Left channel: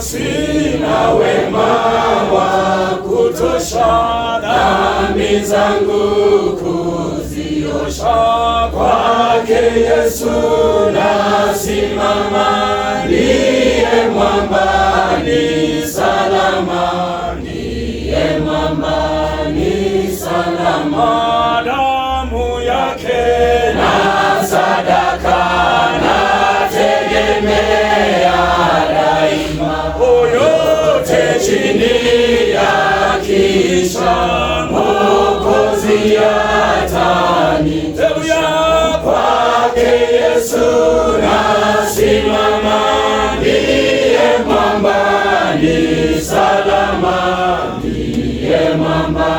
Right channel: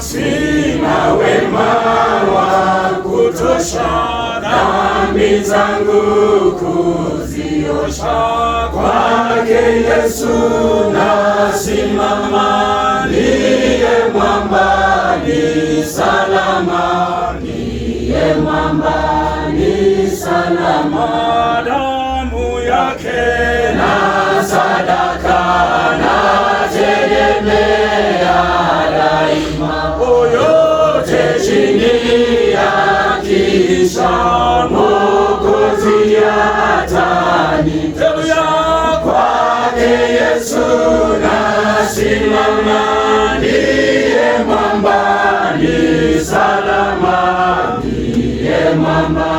sina wema wa kutosha, dhambi zangu kuziosha. Kwake Yesu nasimama, ndiye mwamba ni salama, ndiye mwamba ni salama. Damu yake na sadaka nategemea daima, yote chini ya kisha Mwokozi atanitetea. Kwake Yesu nasimama, ndiye mwamba ni salama, ndiye mwamba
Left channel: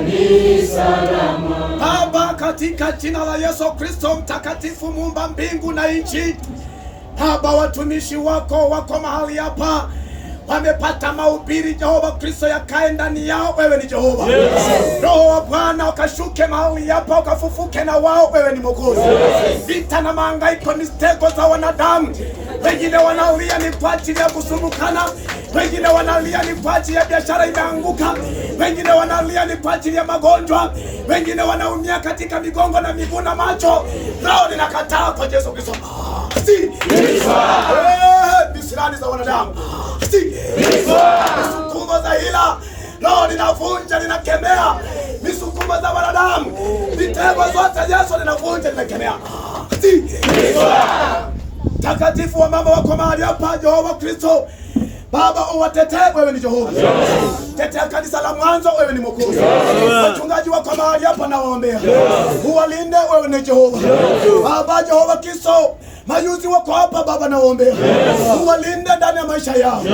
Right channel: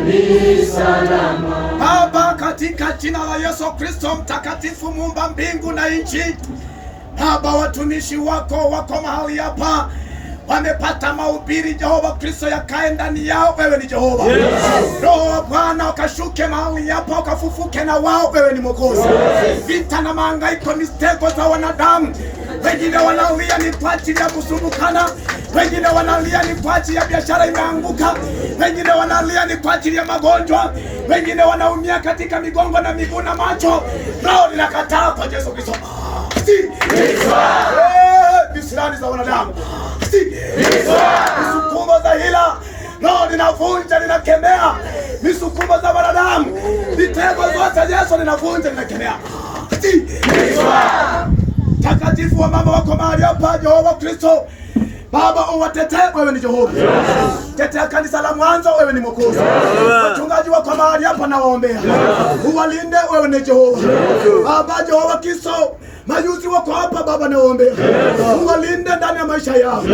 ni salama. Baba, katika jina la Yesu Kristo mtakatifu, muumba mbingu na nchi, Baba, watumishi wako wako mahali hapa, wamepata mahubiri Jehova Kristo yakae ndani yao. Wewe ni Jehova. Roho wa Bwana ukashuke mahali hapa, ukafufuke na wao. Wewe ni Mwokozi. Vita na mahangaiko, mistego za wanadamu, wengine wanalia ni kwa ajili ya kusumbukana, wengine wanalia ni kwa ajili ya biashara imeanguka, wengine wanalia ni kwa ajili ya magonjwa, wengine wanaumia katika migongo na miguu na macho. Nao ninakataa kwa Yesu Kristo. Bisirani za wanadamu, misukumo za hila, roho ninavunja, ninakemea misukumo za wanadamu, mitego zote Yesu ninavunja, ninakemea. Takatifu wa mama wako mahali hapa, Jehova Kristo, Baba uwatetee. Wewe ni Jehova. Tetea kanisa la mwanzo. Wewe ni Mwokozi. Wachungaji wako mahali hapa nawaombea, uwalinde. Wewe ni Jehova. Baba Jehova Kristo, mayuzi wako hapa Baba nawaombea, uwalinde ndani ya maisha yao,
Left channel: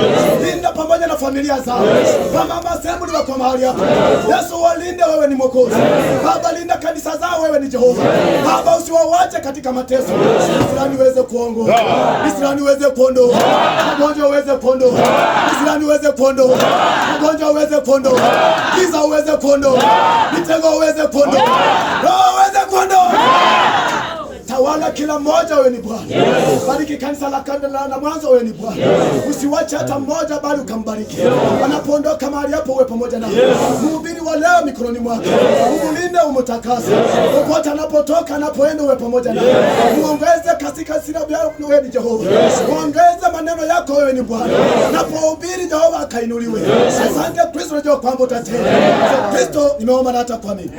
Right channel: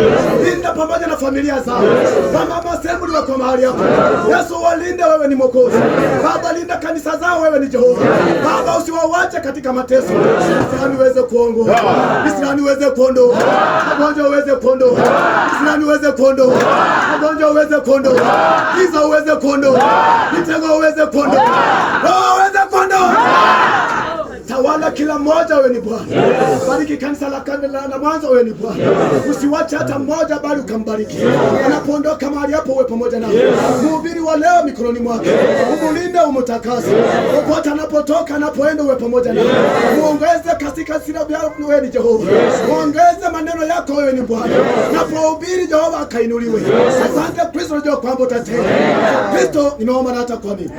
linda pamoja na familia zao. Mama Assembly wako mahali hapa, Yesu uwalinde. Wewe ni Mwokozi. Baba linda kanisa zao. Wewe ni Jehova. Baba usiwawache katika mateso, Israeli uweze kuongoa, Israeli uweze kuondoa magonjwa, uweze kuondoa Israeli uweze kuondoa magonjwa, uweze kuondoa giza, uweze kuondoa mitego, uweze kuondoa roho, uweze kuondoa. Tawala kila mmoja. Wewe ni Bwana. Bariki kanisa la mwanzo. Wewe ni Bwana. Usiwache hata mmoja, bali ukambariki. Wanapoondoka mahali hapo, uwe pamoja nao. Mhubiri wa leo mikononi mwako, umulinde, umutakase. Popote anapotoka, anapoenda, uwe pamoja nao. Muongeze katika sira yako. Wewe ni Jehova. Muongeze maneno yako. Wewe ni Bwana. Napohubiri Jehova akainuliwe. Asante Kristo, najua kwamba utatenda. Kristo nimeomba na hata kuamini.